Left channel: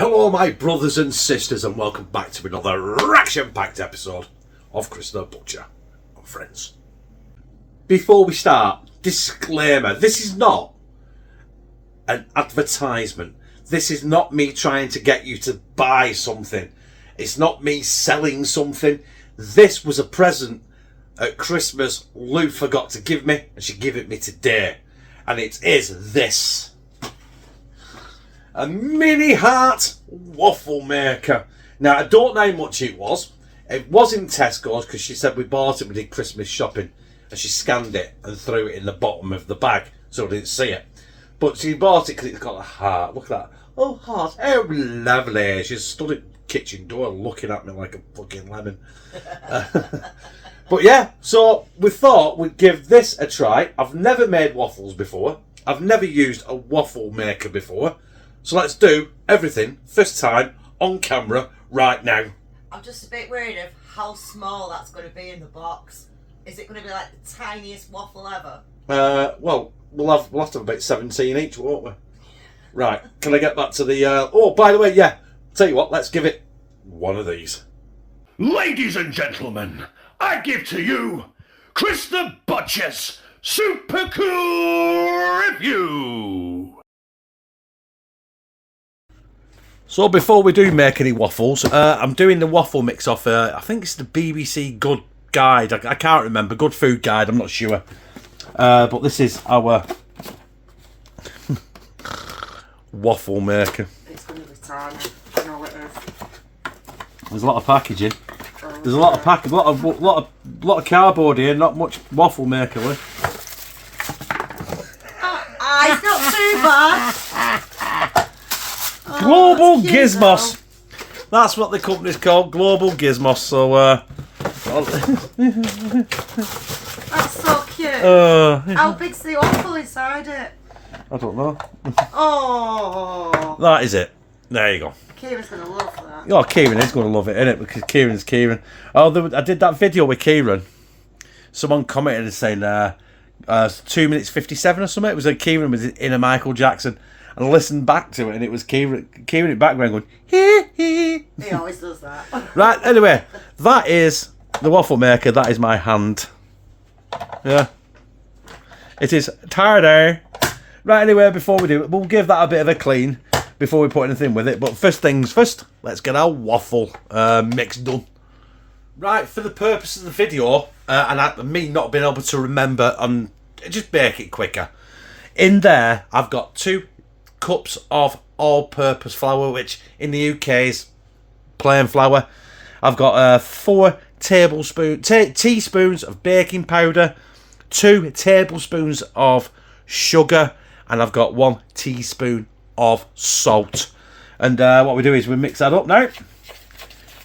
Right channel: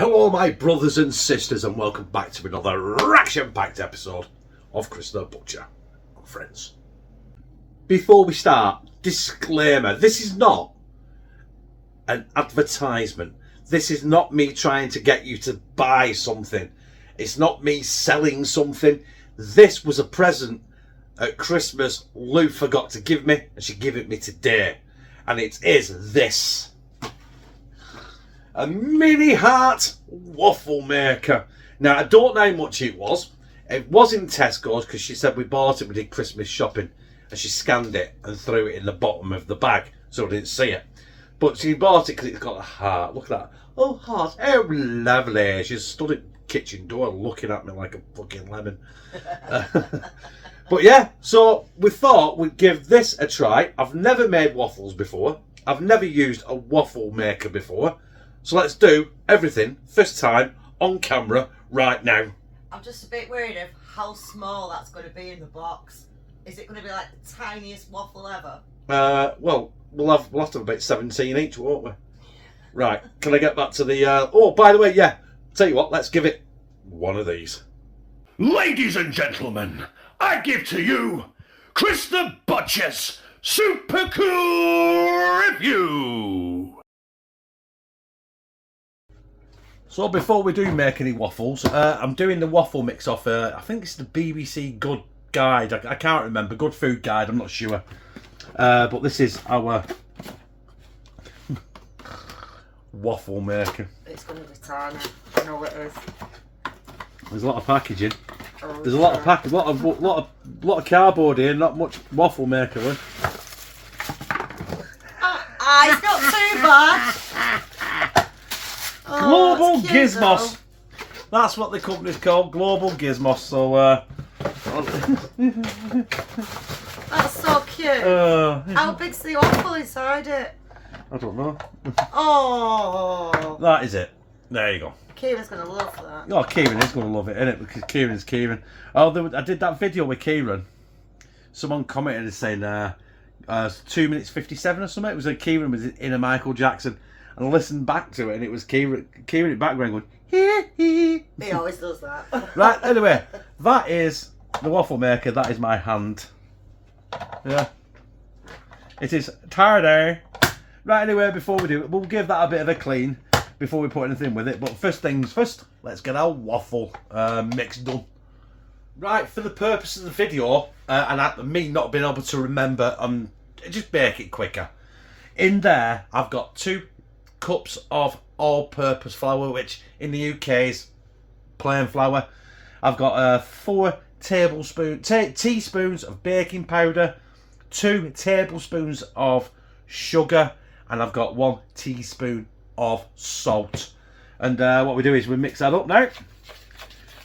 Hello my brothers and sisters and welcome back to another action-packed episode of Chris the Butcher and Friends. Before we start, disclaimer, this is not an advertisement. This is not me trying to get you to buy something. It's not me selling something. This was a present at Christmas Lou forgot to give me and she gave it me today. And it is this. A mini heart waffle maker. Now, I don't know how much it was. It was in Tesco's because she said we bought it, we did Christmas shopping. And she scanned it and threw it in the bottom of the bag so I didn't see it. But she bought it because it's got a heart. Look at that. Oh, heart. How lovely. She stood at the kitchen door looking at me like a fucking lemon. But yeah, so we thought we'd give this a try. I've never made waffles before. I've never used a waffle maker before. So let's do everything first time on camera right now. I'm just a bit worried of how small that's going to be in the box. Is it going to be like the tiniest waffle ever? Well, we'll have to have about 17 each, won't we? Right, can I get back to the... Oh, by the way, yeah, tell you what, let's give it one of these. Ladies and gentlemen, I give to you Chris the Butcher's Super Cool Review. So before we do make any waffles, I'm doing the waffle mix off, I think it's the BBC Good Guide. I can't remember. Good Food Guide, I'm not sure. But this is our waffle maker. It's going to be tiny. I know it is. There's a lot of packaging. There's a lot of packaging, lot of cardboard here. Not much waffle maker. It's not too bad. Global cute, Gizmos. That's what the company's called, Global Gizmos. So, That's so cute. How big's the waffle inside it? I don't know. Oh. That is it. There you go. Kieran's going to love that. Oh, Kieran is going to love it, innit? Because Kieran's Kieran. Oh, I did that video with Kieran. Someone commented and saying 2 minutes 57 or something. It was like Kieran was in a Michael Jackson. And I listened back to it, and it was Kieran in the background going, hee hee. He always does that. Right, anyway, that is the waffle maker. That is my hand. Yeah. It is tired. Right, anyway, before we do it, we'll give that a bit of a clean before we put anything with it. But first things first, let's get our waffle mix done. Right, for the purpose of the video, and me not being able to remember, just bake it quicker. In there, I've got 2 cups of all-purpose flour, which in the UK is plain flour. I've got 4 teaspoons of baking powder, 2 tablespoons of sugar, and I've got 1 teaspoon of salt. And what we do is we mix that up now.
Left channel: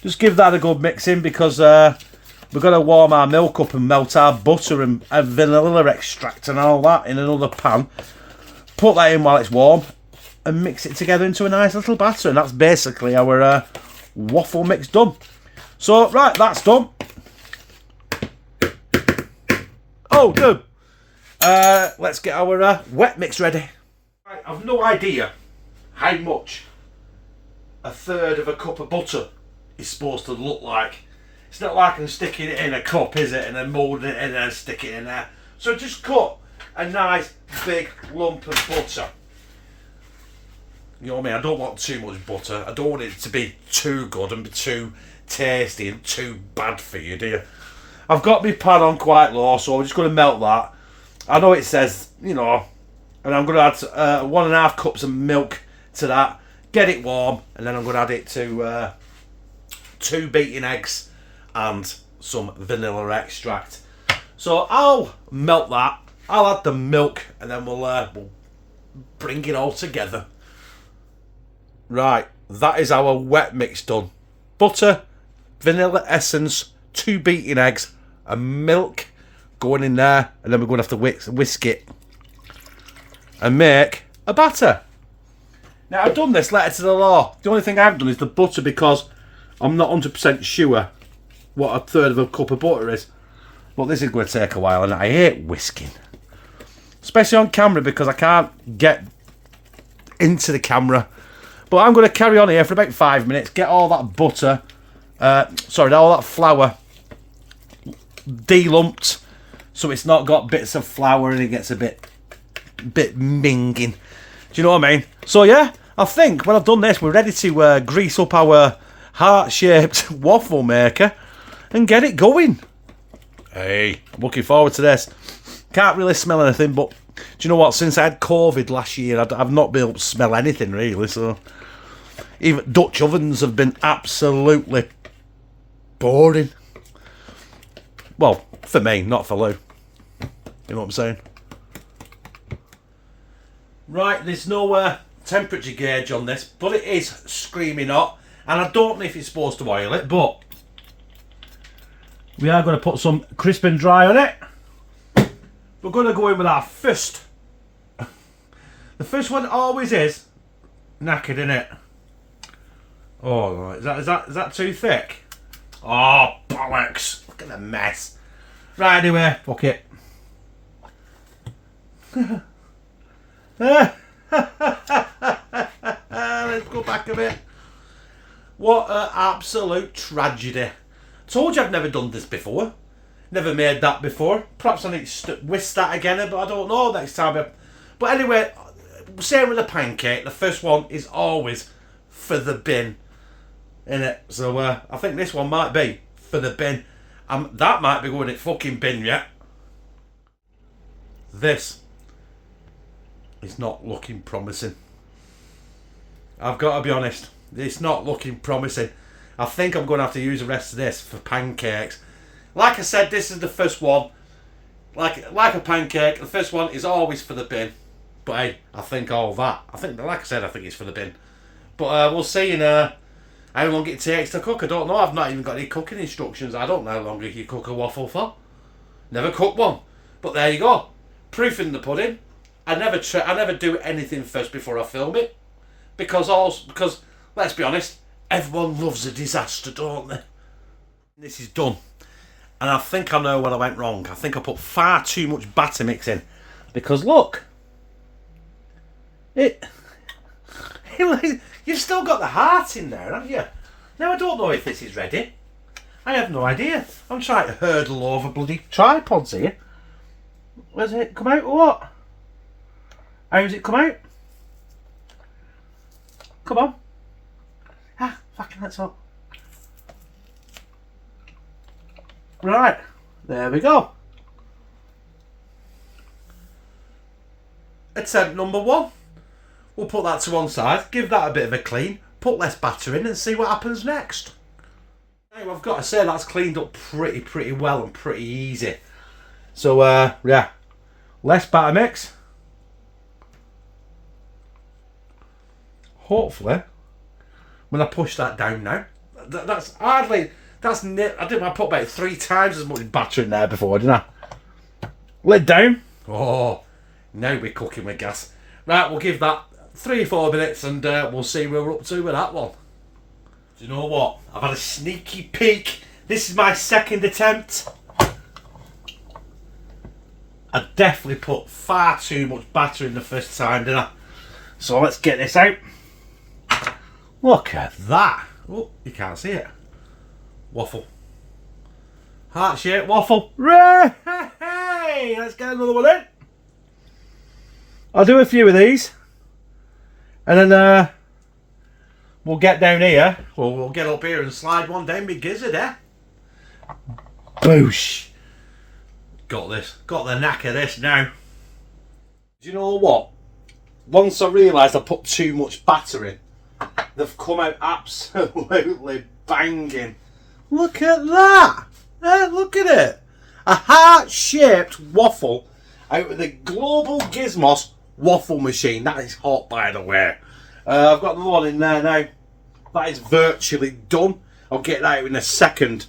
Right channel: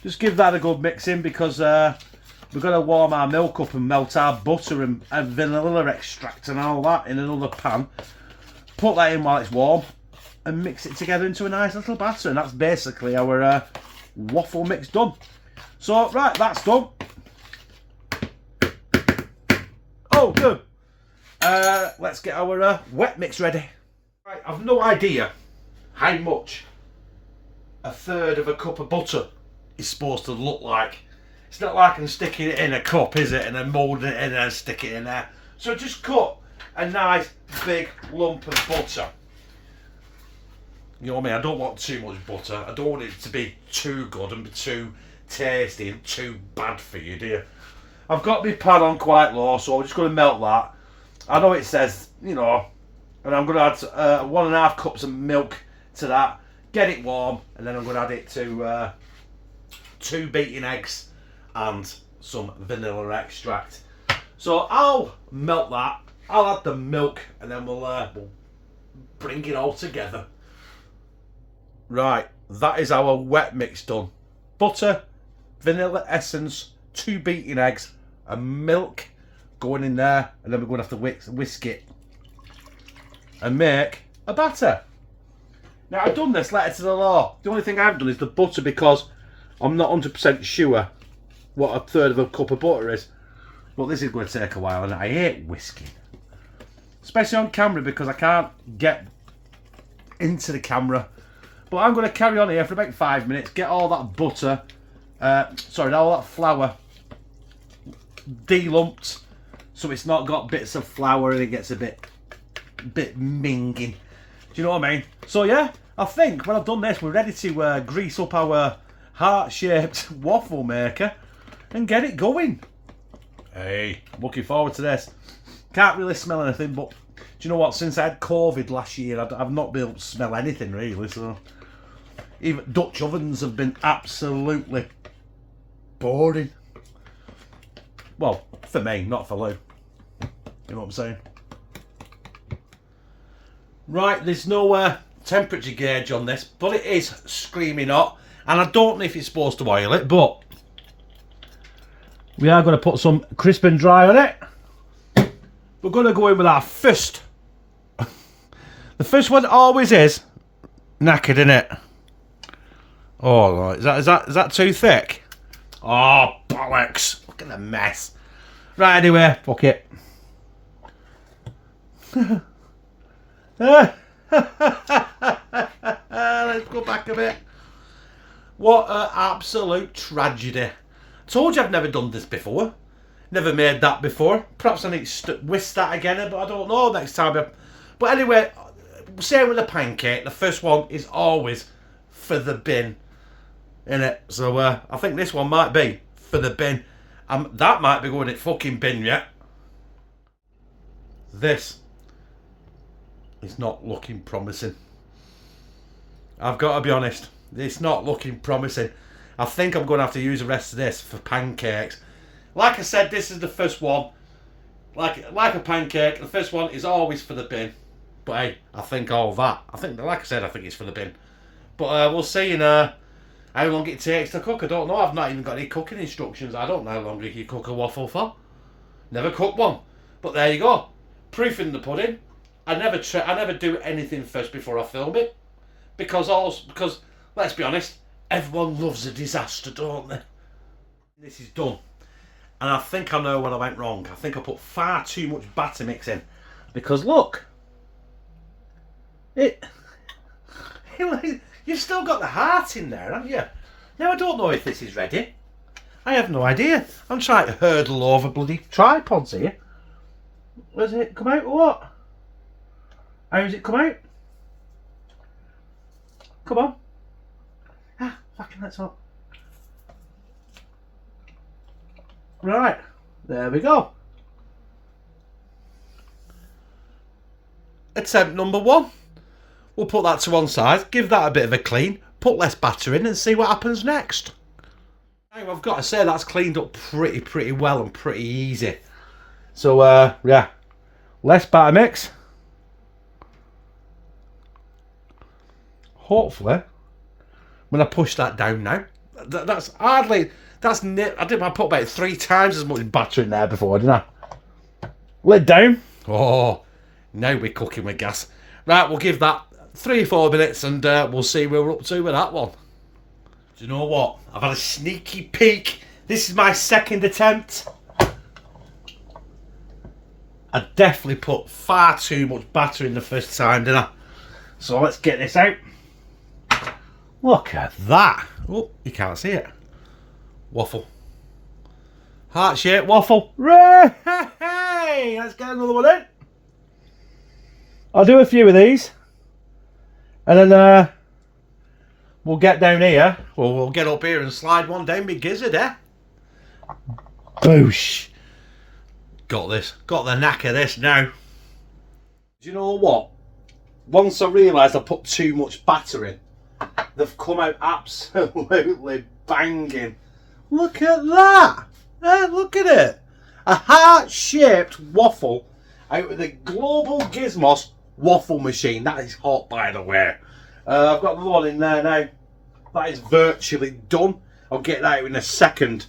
Just give that a good mixing because we're going to warm our milk up and melt our butter and vanilla extract and all that in another pan. Put that in while it's warm and mix it together into a nice little batter, and that's basically our waffle mix done. So right, that's done. Oh, good. Let's get our wet mix ready. Right, I've no idea how much a third of a cup of butter is supposed to look like. It's not like I'm sticking it in a cup, is it, and then moulding it in and stick it in there. So just cut a nice big lump of butter. You know what I mean? I don't want too much butter. I don't want it to be too good and too tasty and too bad for you, do you? I've got my pan on quite low, so I'm just going to melt that. I know it says, you know, and I'm going to add 1.5 cups of milk to that. Get it warm, and then I'm going to add it to 2 beaten eggs and some vanilla extract. So I'll melt that. I'll add the milk, and then we'll bring it all together. Right, that is our wet mix done. Butter, vanilla essence, 2 beaten eggs, and milk going in there, and then we're going to have to whisk it and make a batter. Now, I've done this letter to the law. The only thing I haven't done is the butter because I'm not 100% sure what a third of a cup of butter is. But this is going to take a while, and I hate whisking. Especially on camera because I can't get into the camera But I'm going to carry on here for about 5 minutes, get all that butter, all that flour delumped, so it's not got bits of flour and it gets a bit minging. Do you know what I mean? So yeah, I think when I've done this, we're ready to grease up our heart-shaped waffle maker and get it going. Hey, I'm looking forward to this. Can't really smell anything, but do you know what? Since I had COVID last year, I've not been able to smell anything really. So even Dutch ovens have been absolutely boring. Well, for me, not for Lou. You know what I'm saying? Right, there's no temperature gauge on this, but it is screaming hot. And I don't know if you're supposed to oil it, but we are going to put some crisp and dry on it. We're going to go in with our first. The first one always is knackered, isn't it? Oh, is that too thick? Oh, bollocks. Look at the mess. Right, anyway, fuck it. Let's go back a bit. What an absolute tragedy. Told you I've never done this before. Never made that before. Perhaps I need to whisk that again, but I don't know next time. But anyway, same with the pancake. The first one is always for the bin, innit? So I think this one might be for the bin. That might be going in fucking bin yet. This is not looking promising. I've got to be honest. It's not looking promising. I think I'm going to have to use the rest of this for pancakes. Like I said, this is the first one. Like a pancake, the first one is always for the bin. But hey, I think all that. Like I said, I think it's for the bin. But we'll see in how long it takes to cook. I don't know. I've not even got any cooking instructions. I don't know how long you cook a waffle for. Never cooked one. But there you go. Proof in the pudding. I never do anything first before I film it. Because let's be honest, everyone loves a disaster, don't they? This is done. And I think I know where I went wrong. I think I put far too much batter mix in. Because look. You've still got the heart in there, haven't you? Now I don't know if this is ready. I have no idea. I'm trying to hurdle over bloody tripods here. Does it come out or what? How does it come out? Come on. Ah, fucking that's up. Right, there we go. Attempt number 1. We'll put that to one side, give that a bit of a clean, put less batter in and see what happens next. Now, I've got to say that's cleaned up pretty well and pretty easy. So, yeah, less batter mix. Hopefully, when I push that down now, that's hardly... I put about 3 times as much batter in there before, didn't I? Lid down. Oh, now we're cooking with gas. Right, we'll give that 3 or 4 minutes and we'll see where we're up to with that one. Do you know what? I've had a sneaky peek. This is my second attempt. I definitely put far too much batter in the first time, didn't I? So let's get this out. Look at that. Oh, you can't see it. Waffle. Heart-shaped waffle. Hey, let's get another one in. I'll do a few of these. And then we'll get down here. Or we'll get up here and slide one down my gizzard, eh? Boosh. Got this. Got the knack of this now. Do you know what? Once I realised I put too much batter in, they've come out absolutely banging. Look at that! Look at it! A heart-shaped waffle out of the global Gizmos waffle machine. That is hot, by the way. I've got another one in there now. That is virtually done. I'll get that out in a second.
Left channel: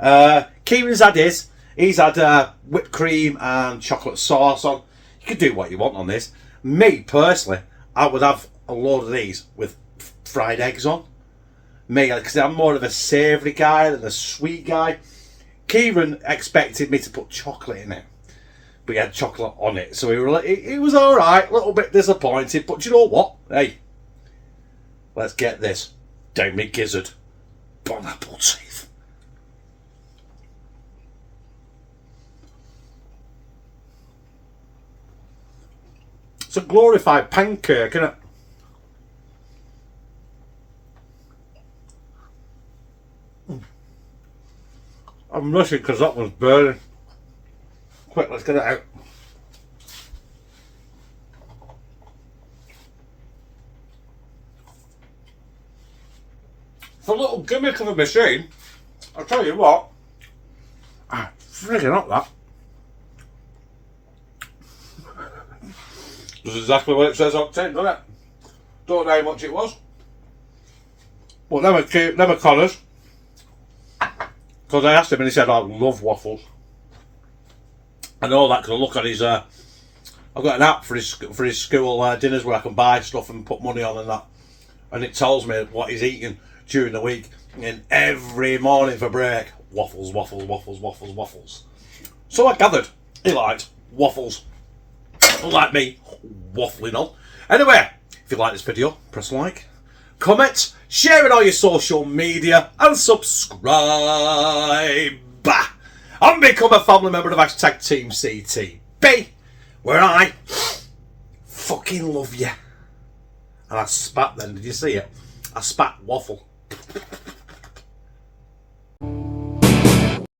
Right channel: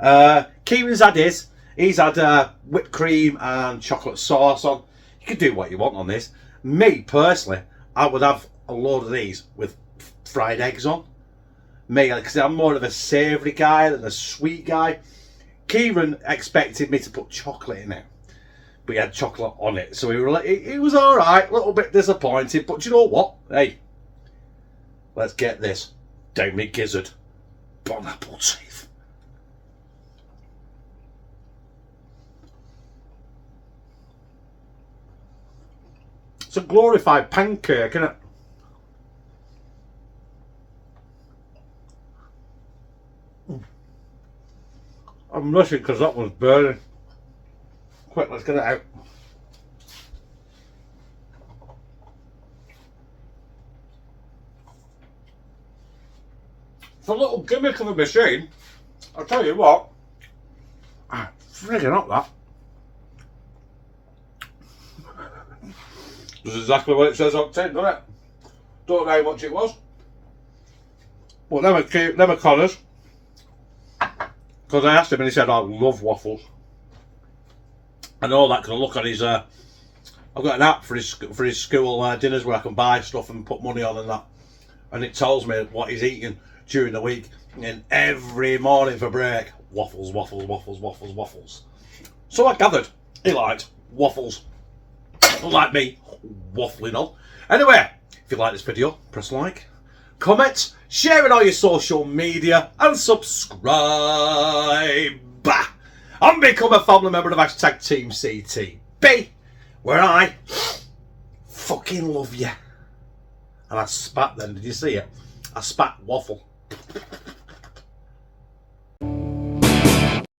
Kieran's had his. He's had whipped cream and chocolate sauce on. You can do what you want on this. Me, personally, I would have a load of these with fried eggs on. Me, because I'm more of a savoury guy than a sweet guy. Kieran expected me to put chocolate in it, but he had chocolate on it, so he was alright, a little bit disappointed, but do you know what? Hey, Let's get this down me gizzard. Bon apple teeth. It's a glorified pancake, isn't it? I'm rushing because that one's burning. Quick, let's get it out. It's a little gimmick of a machine. I'll tell you what. Friggin' up that. That's exactly what it says on tin, doesn't it? Don't know how much it was. But them are Connors. Because I asked him and he said, I love waffles. I know that because I look at his, I've got an app for his school dinners where I can buy stuff and put money on and that. And it tells me what he's eating during the week. And every morning for break, waffles, waffles, waffles, waffles, waffles. So I gathered he liked waffles. Unlike me, waffling on. Anyway, if you like this video, press like, comment, share it on your social media, and subscribe. And become a family member of #TeamCTB, where I fucking love you. And I spat then, did you see it? I spat waffle.